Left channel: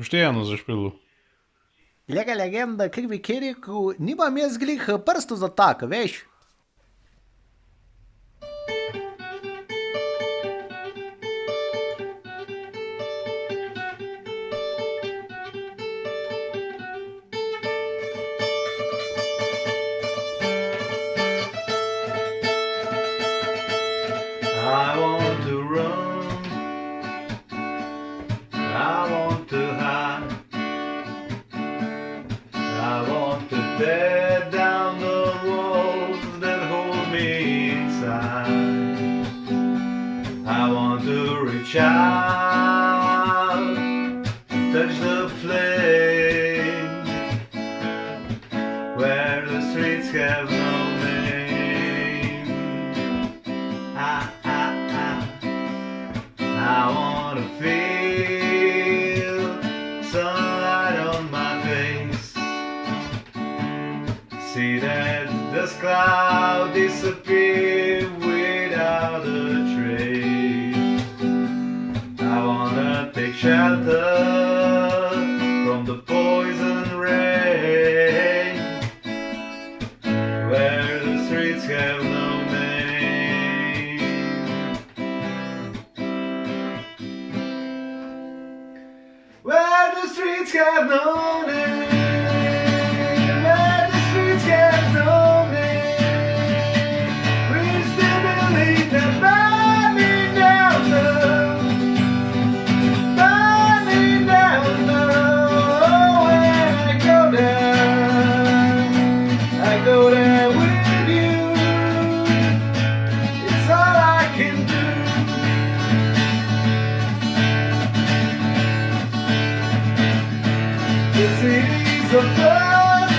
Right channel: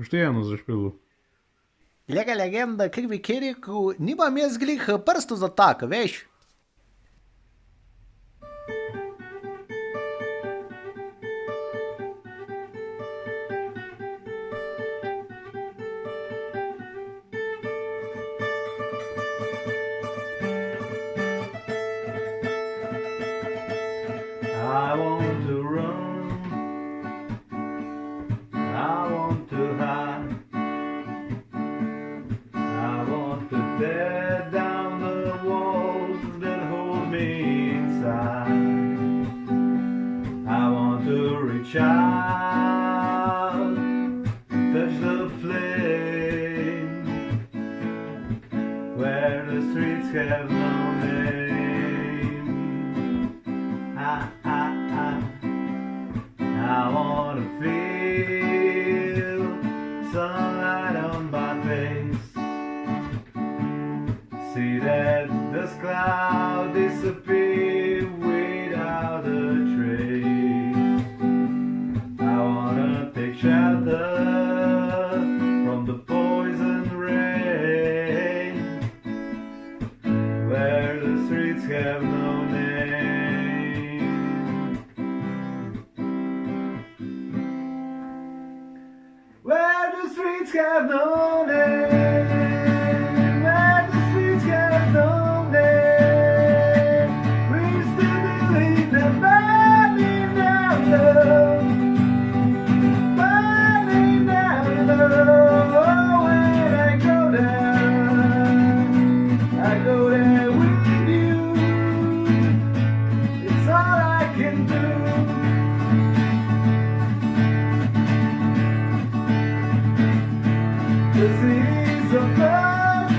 Pošteno za špilu. Lega legenda, kaj bi kje rekel, nimam jaz glih prsto za tak, veš? I want to run, I want to hide, I want to tear down the walls that hold me inside. I want to reach out, touch the flame, where the streets have no name. I wanna feel sunlight on my face, see that dust cloud disappear without a trace. I wanna take shelter from the poison rain, where the streets have no name. Where the streets have no name, where the streets have no name, we still believe that burning down love, burning down love. When I go there with you, it's all I can do. The cities of blood,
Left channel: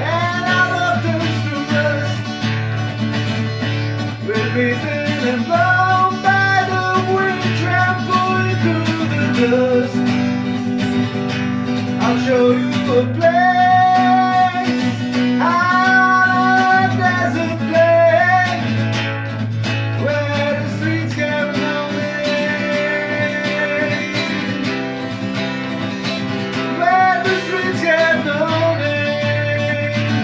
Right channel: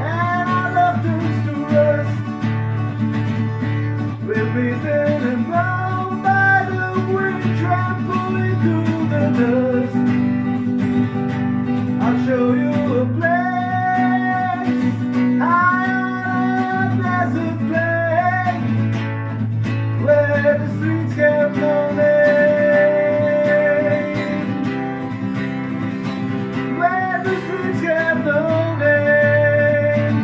and our love turns to rust. We're beaten and blown by the wind, trampling through the dust. I'll show you a place, out of a desert place, where the streets have no name. Where the streets have no name,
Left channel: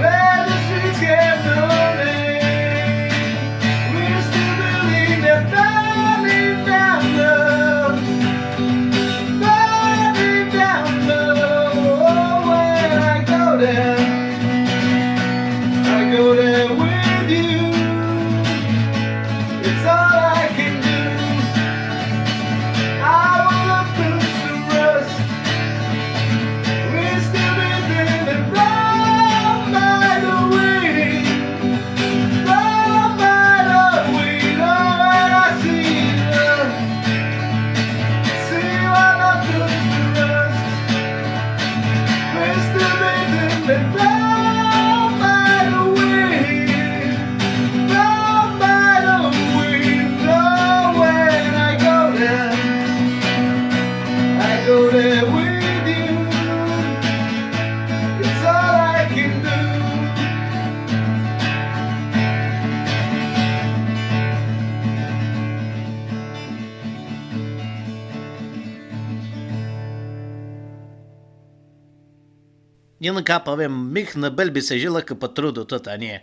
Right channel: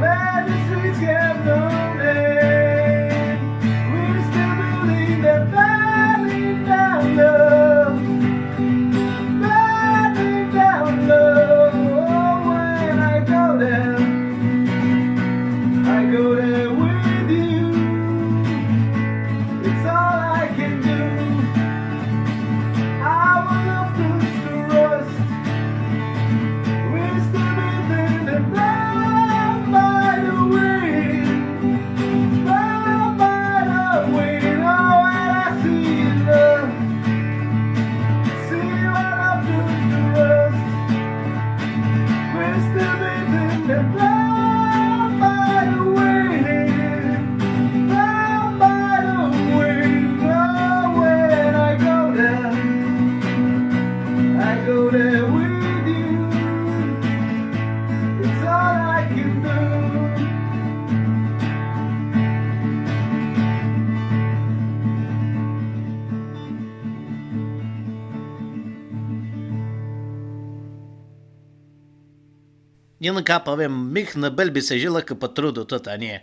where the streets have no name, we still believe that burning down love, burning down love. Oh, when I go there with you, it's all I can do. Our love turns to rust, we're still breathing and blown by the wind, blown by the wind. Oh, and I see our love turns to rust, we're still breathing and blown by the wind, blown by the wind. Oh, when I go there with you, it's all I can do. Jen ką pavėm, mich na belbi se žila, kaip atrodo to, ne?